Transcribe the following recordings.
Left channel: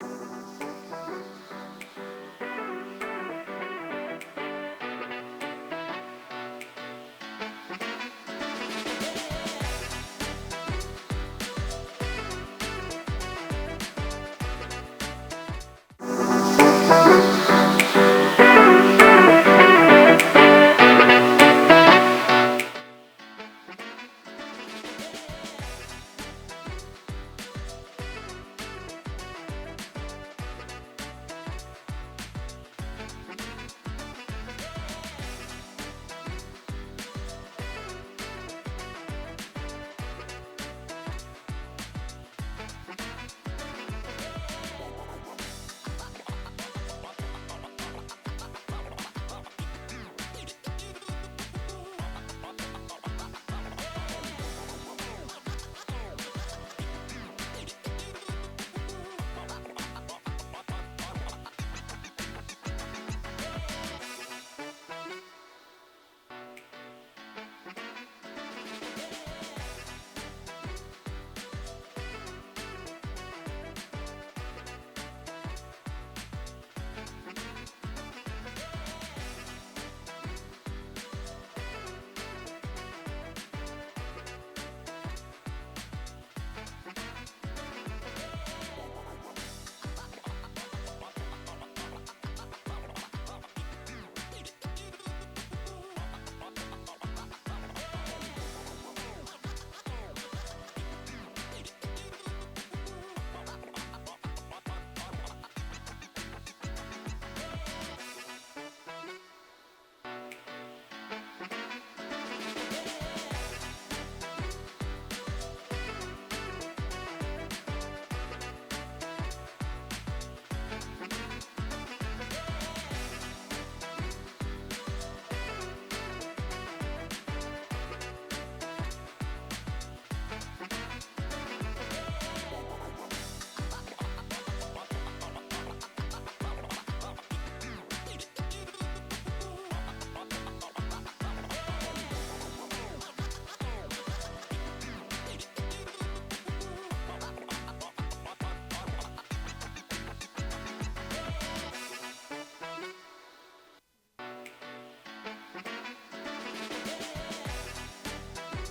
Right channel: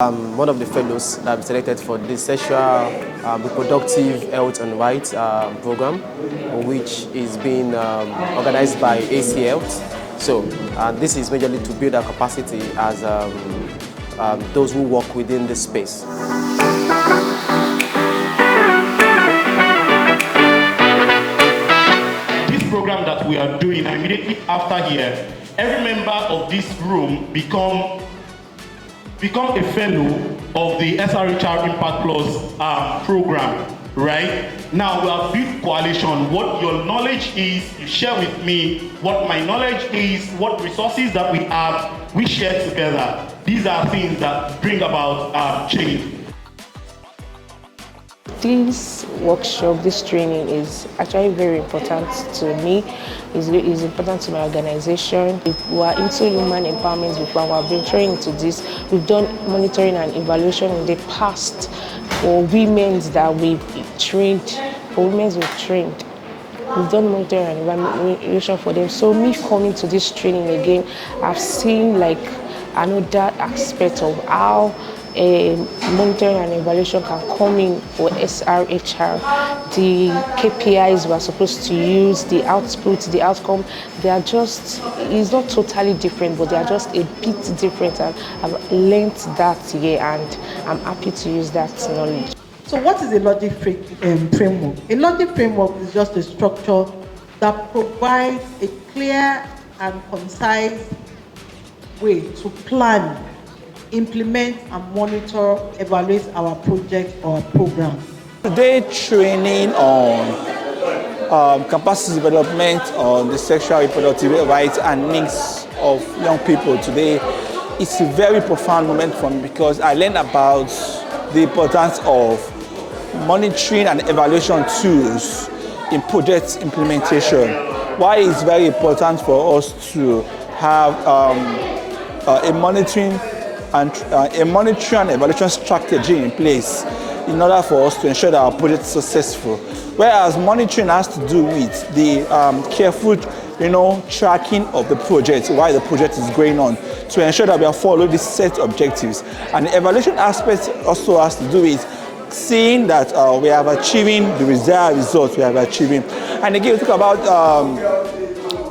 I'm one of the fellows that have been selected for the sexual reproductive health and rights program, which is being organized by AC Health. So this is majorly to build our capacity as those who work within this space. This program that we are doing immediately after here, every member of this room become a fellow of the SRHR Impact Plus program, right? Now we have built coalition. What your knowledge is, you share with me. What my knowledge is, what resources that we have, we share together. These are things that bring about change. This workshop, this training is actually very important to me. It's important to my organization. We are into human empowerment before. We have been trained to this. We've done monitoring and evaluation in the past for women that we've trained. We've done monitoring and evaluation for them. So me coming to this training again, I've seen like another aspect of how monitoring and evaluation can come in for SRHR. The KPIs we are supposed to use, the output, the outcome, they are just, it's not totally different, but they are just a bit different. And I've learned that here, and I'm happy to use that knowledge. So what is a logic framework? A logic framework is just a structure that provides a clear and concise way to plan, implement and monitor, evaluate our project or program. Today, training on capacity development on the sexual reproductive rights and needs of young people today, it's a very profound moment for me because I learned about the importance of monitoring and evaluation tools in project implementation. Why it's very important for us to have a monitoring and evaluation strategy in place in order for us to ensure that our project is successful. Whereas monitoring has to do with the careful, tracking of the project while the project is going on to ensure that we are following the set objectives. And the evaluation aspect also has to do with seeing that we are achieving the desired results we are achieving. And again, we talk about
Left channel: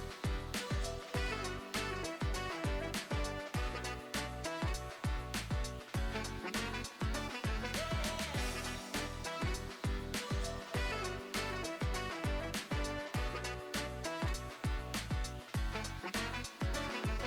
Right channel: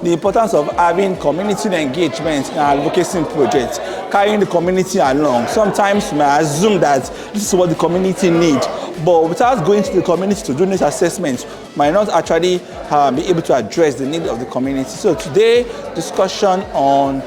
the importance of having community engagement in our advocacy projects, carrying the community along. Sometimes we may assume that this is what the community needs, but without going to the community to do this assessment, might not actually be able to address the needs of the community. So today, discussion on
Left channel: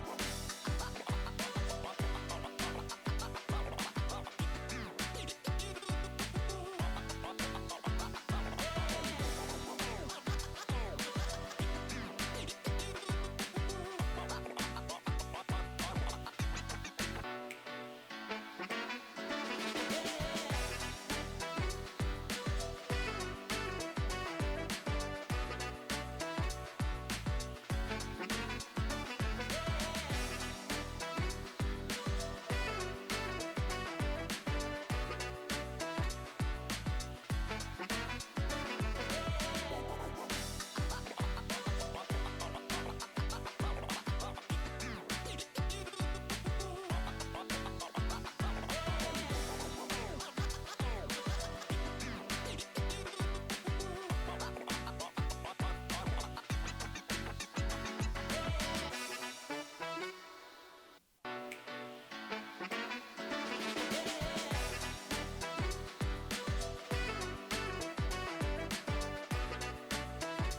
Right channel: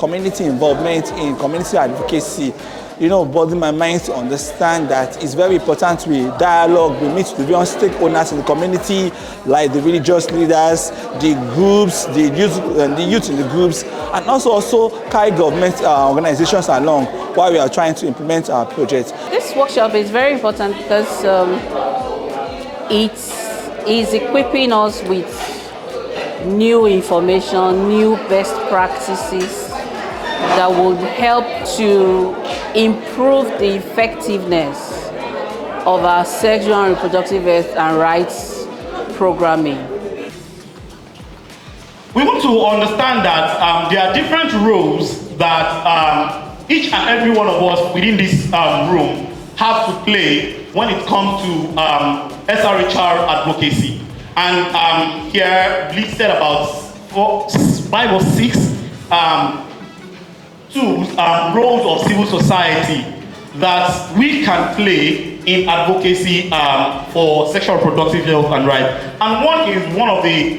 community involvement in community advocacy, bothering my mind to understand that it's very important we dialogue, we meet the various stakeholders in the community, like the religious leaders, the groups, the youth in the groups, and also carry government organizations along while we are trying to implement our project. This workshop is very important because it is equipping us with new information, new best practices that will help to improve the effectiveness of our sexual and reproductive health and rights programming. We want to understand that there are different roles that each and every one of us within this room have to play when it comes to SRHR advocacy. And here, Bleed said about 5 or 6 roles of civil society that we can play in advocacy for sexual reproductive health and rights. And one is one of the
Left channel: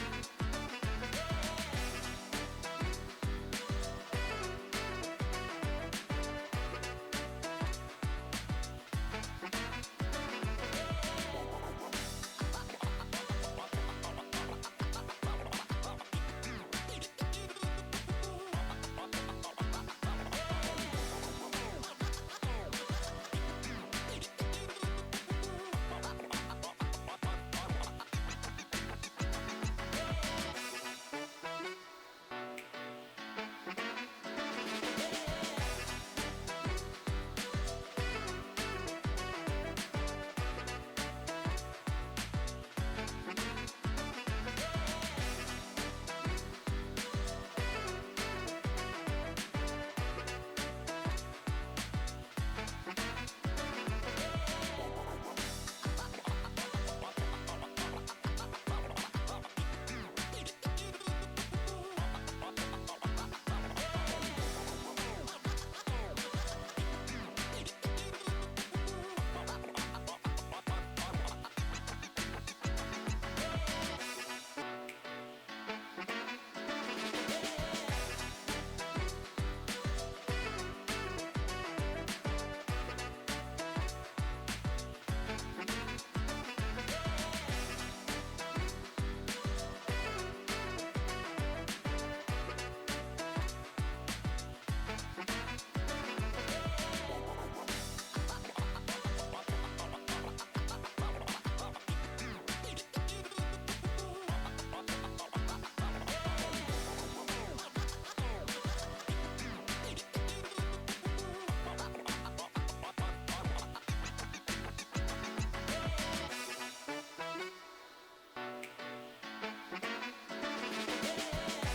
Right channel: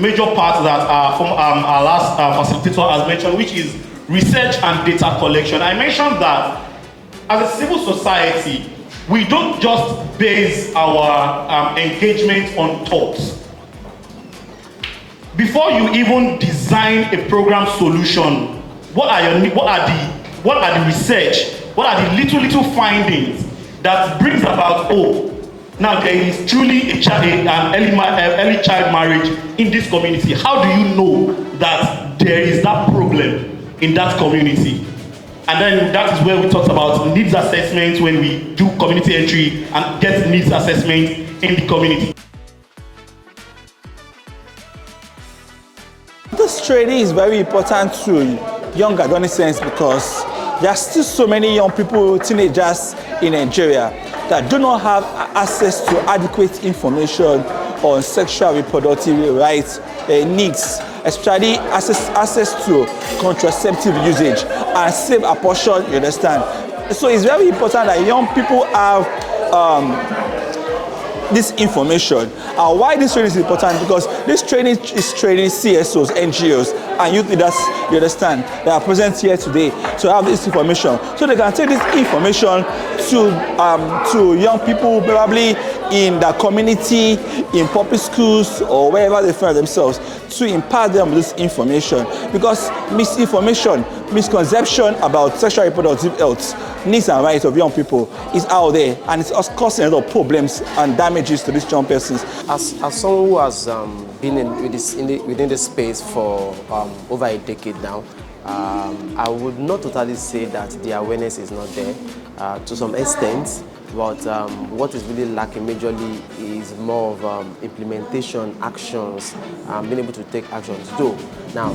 major parts that our last facilitator has mentioned, which is research and data collection. I mentioned that as a civil society, we don't just base our engagement on thoughts. Before you even design a program solution, what are the research? What are the little findings that brings about now there is truly an early child marriage in this community? How do you know that there is that problem in that community? And then that is where we talked about needs assessment when we do community entry and get needs assessment in the community. This training is very important to young adolescents because there are still so many young people, teenagers in Nigeria that do not have access to adequate information on sexual reproductive rights, needs, especially access to contraceptive usage and safe abortion, you understand? So it's very important that young people have this information. And why this training is important? Because this training is training CSOs, NGOs, and youth leaders, you understand, that are present here today to have this information. So they can take this information to young people, probably in the community, in public schools, or wherever they find themselves, to impart them with this information. Because misinformation, misconception about sexual reproductive health, needs and rights of young people is out there, and it's causing a lot of problems and damages to these young persons. As someone who has been within this space for over a decade now, I would not totally say that the awareness is not there to some extent, but what is really lacking majorly is more of implementation, actions, being able to take actions. Though, now,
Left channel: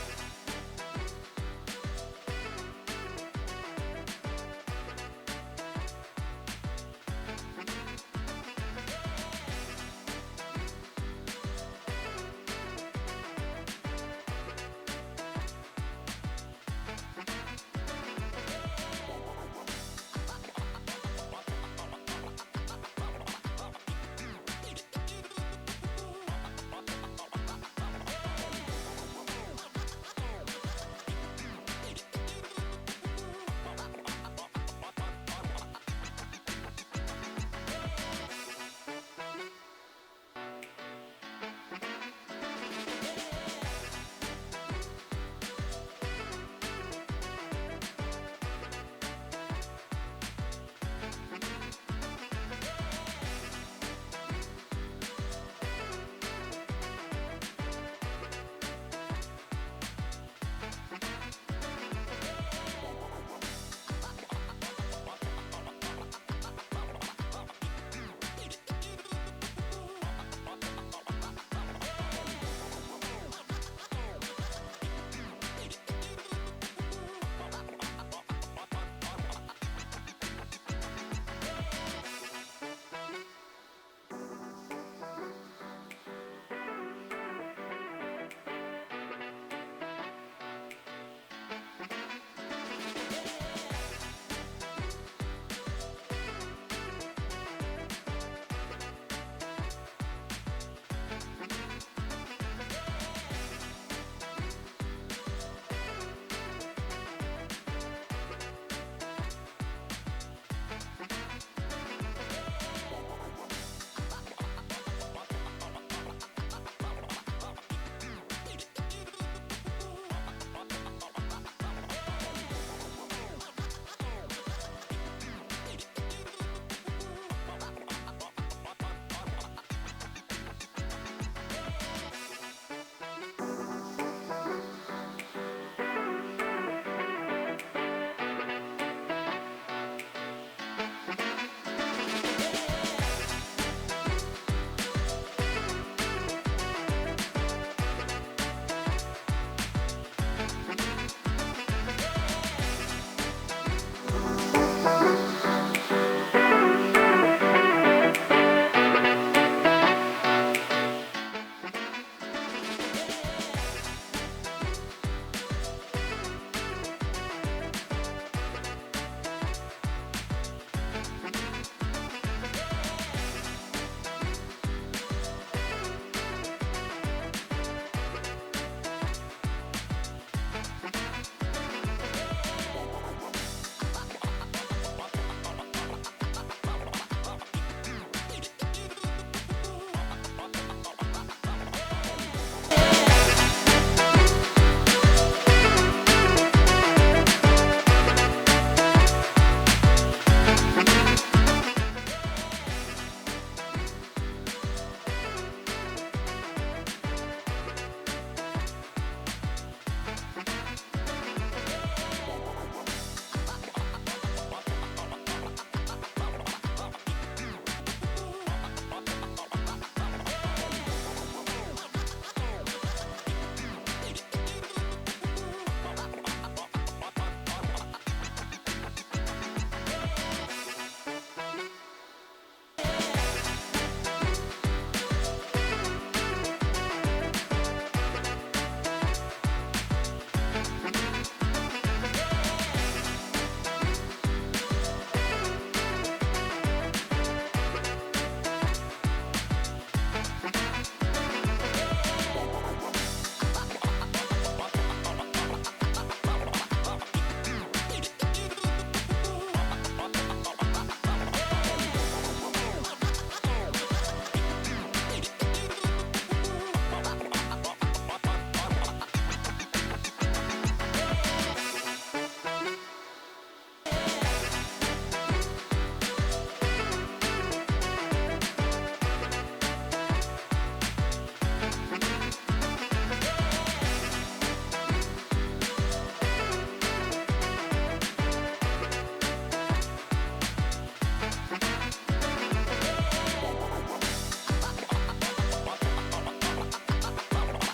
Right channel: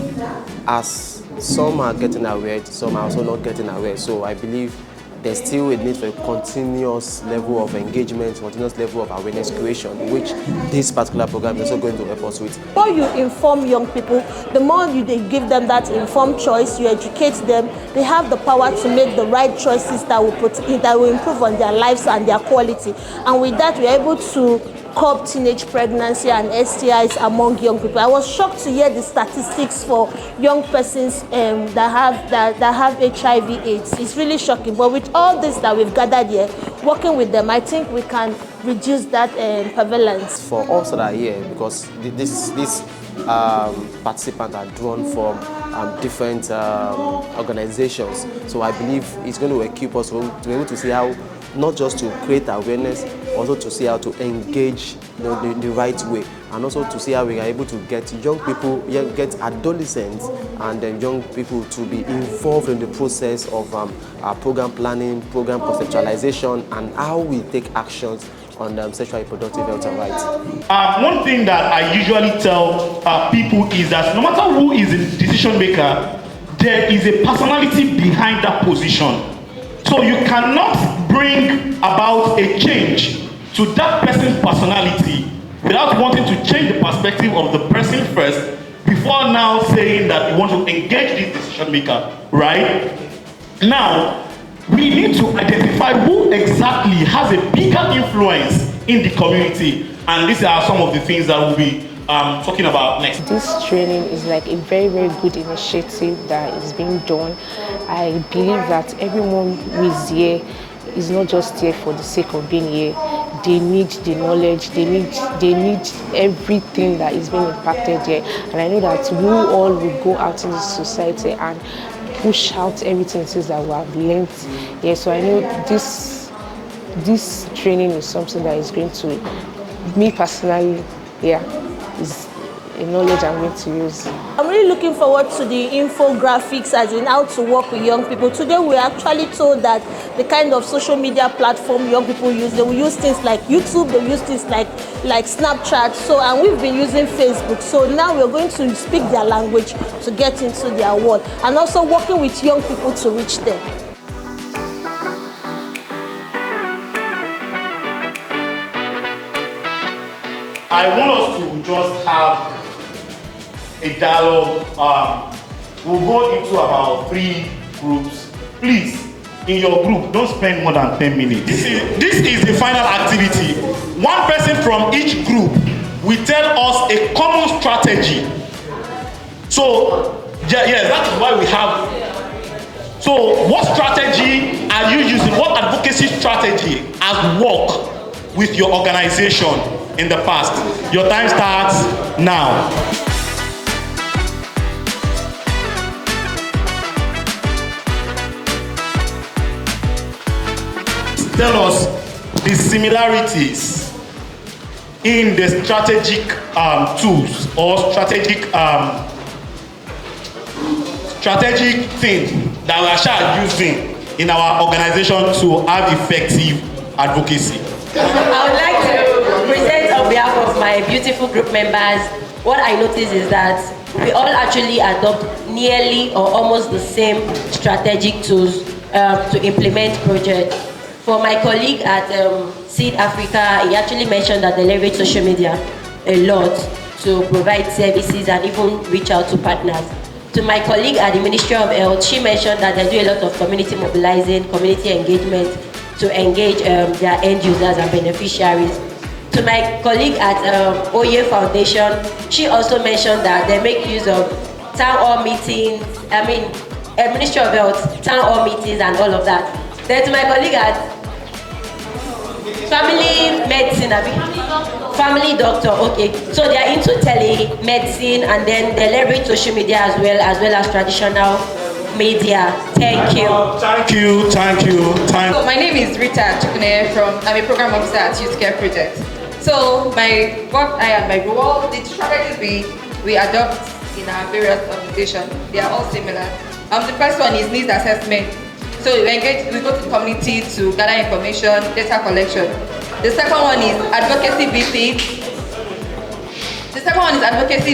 as some are getting aware, some are also not getting aware, so I believe there's still a need for a continuous level of engagement, continuous level of awareness creation, which this particular program is also going to help us with. The more you inform young people, the more they give them that informed choice, you educate them, they have the power to make the right choices that will improve on their lives and their quality. And with that, we're able to curb teenage pregnancy and STIs among young people. I was shocked to hear the statistics for young persons that have HIV/AIDS. It's really shocking. But with all this that we've gathered here, working with them, I think we can reduce that prevalence. For us that are here, because this participants are drawn from different organizations, so I believe it's going to equip us to be able to see how, not just to create awareness, also to see how to engage the right way, and also to see how we are able to get young people, get adolescents and then young people to be involved in the process of program planning, program conceptualization, and how we take actions on sexual reproductive health and rights. One thing that I usually tell people is that no matter who is the decision maker, there is a personality behind that position. So you cannot bring about a change to that person's personality without wanting to change the perspective of the person first before now saying that you want to engage this decision maker, right? Now, we need to identify who exactly has a bigger influence in the community, and these are some of the things that we'll be talking about next. This training is like a very, very good initiative that is being done. I believe that everyone who is here is not just here for the sake of being here. They need the knowledge, they need everything that is being impacted here. And I know that we all will go out in this society and push out everything that we have learned here. So I know this training is something that is going to, me personally, is a knowledge I'm going to use. I'm really looking forward to the infographics, as in how to work with young people. Today we're actually told that the kind of social media platform young people use, they will use things like YouTube, they will use things like Snapchat, and we've been using Facebook. So now we're going to speak their language to get into their world, and also working with young people to reach them. I want us to just have a dialogue. We'll go into about 3 groups. Please, in your group, don't spend more than 10 minutes. This is the final activity. One person from each group will tell us a common strategy. So, yes, that is why we have. So, what strategy are you using? What advocacy strategy has worked with your organization in the past? Your time starts now. Tell us the similarities in the strategic tools or strategic thing that we are using in our organization to have effective advocacy. I would like to present on behalf of my beautiful group members. What I notice is that we all actually adopt nearly or almost the same strategic tools to implement projects. For my colleague at Seed Africa, he actually mentioned that they leverage social media a lot to provide services and even reach out to partners. To my colleague at the Ministry of Health, she mentioned that they do a lot of community mobilizing, community engagement to engage their end users and beneficiaries. To my colleague at Oye Foundation, she also mentioned that they make use of town hall meetings, Ministry of Health, town hall meetings and all of that. Then to my colleague at Family Medicine, Family Doctor, okay. So they are into telemedicine and then they leverage social media as well as traditional media. Thank you. Thank you. So my name is Rita Chukune I'm a program officer at Youth Care Project. So what I and my role, the strategies we adopt in our various organizations, they are all similar. The first one is needs assessment. So we go to the community to gather information, data collection. The second one is advocacy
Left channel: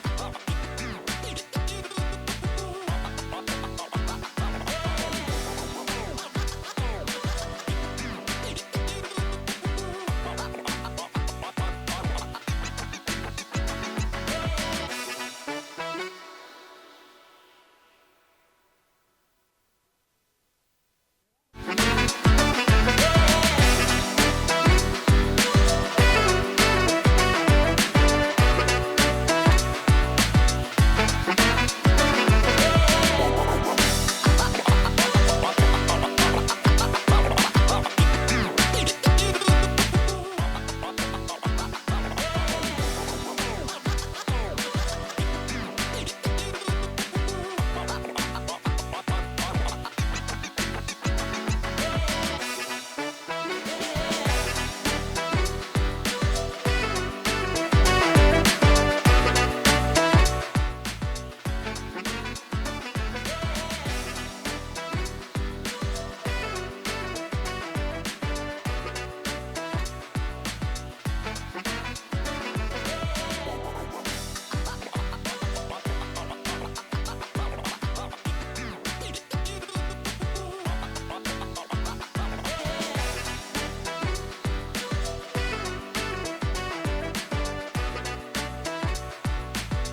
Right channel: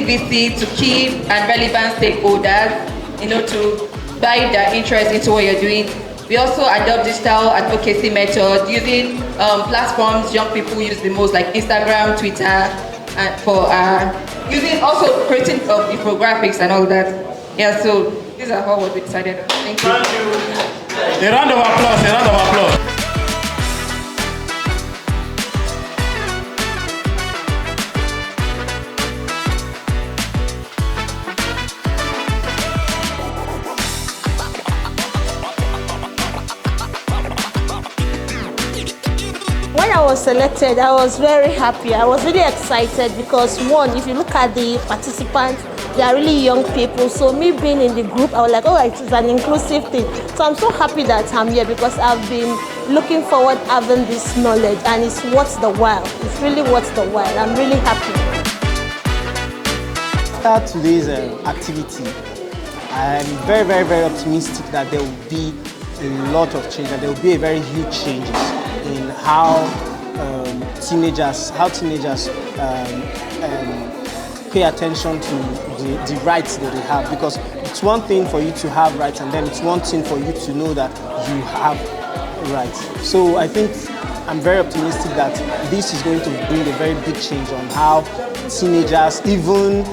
visit to key and relevant stakeholders, to guide their interest into what you're doing. We also adopt digital advocacy methods using platforms young people use the most, like Instagram, Twitter, and for using also creating infographics and all that. Yeah, so these are how we decided on. Thank you. A round of applause. Selected, I was very happy. I was really excited because one, if you look at the participants, they are really young people. So me being in the group, I was like, oh, it's an inclusive thing. So I'm so happy that I'm here because I've been looking forward to having this knowledge and it's worth the while. It's really worth the while. I'm really happy. After today's activity, I'm very, very, very optimistic that there will be a lot of change, and there will be a very huge change in how teenagers pay attention to the rights that they have, because it's one thing for you to have rights and then it's one thing for you to know that you have rights. So I think I'm very optimistic that this is going to bring a very big change on how teenagers, even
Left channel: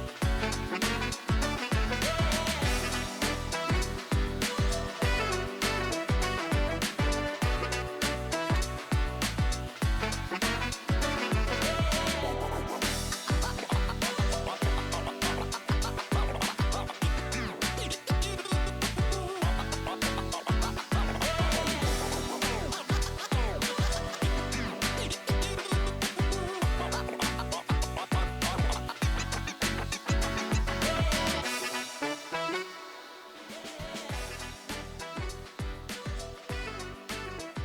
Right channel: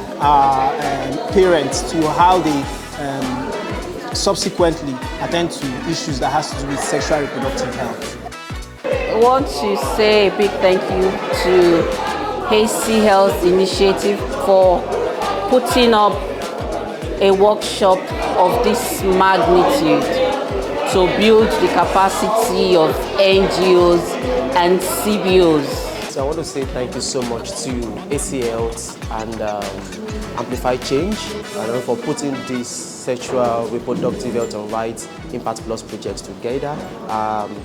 parents, to how they subsequently attend to issues that has to do with sexual reproductive health. I want to say a big thank you to AC Health Initiative for putting up a workshop of this magnitude to build the capacity of NGOs and CBOs. So I want to say thank you so much to AC Health and Amplify Change for putting this sexual reproductive health and rights Impact Plus projects together.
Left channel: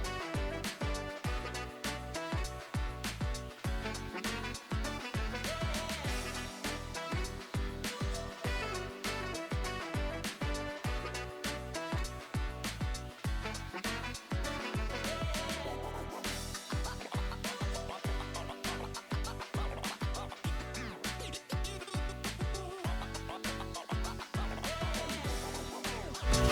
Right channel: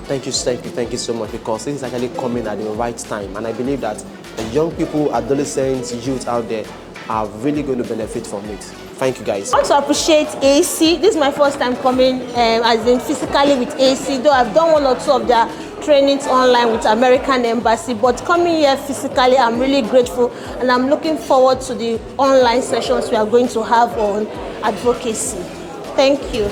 Thank you so much, because this is actually coming at the right time, and I believe that young people, adolescents, youth out there are really going to benefit from it. Thank you, guys. I want to appreciate AC. This is my first time coming as in physically with AC, though I've done one or two of their trainings online with American Embassy, but coming here physically, I'm really grateful, and I'm looking forward to the online sessions we are going to have on advocacy. Thank you.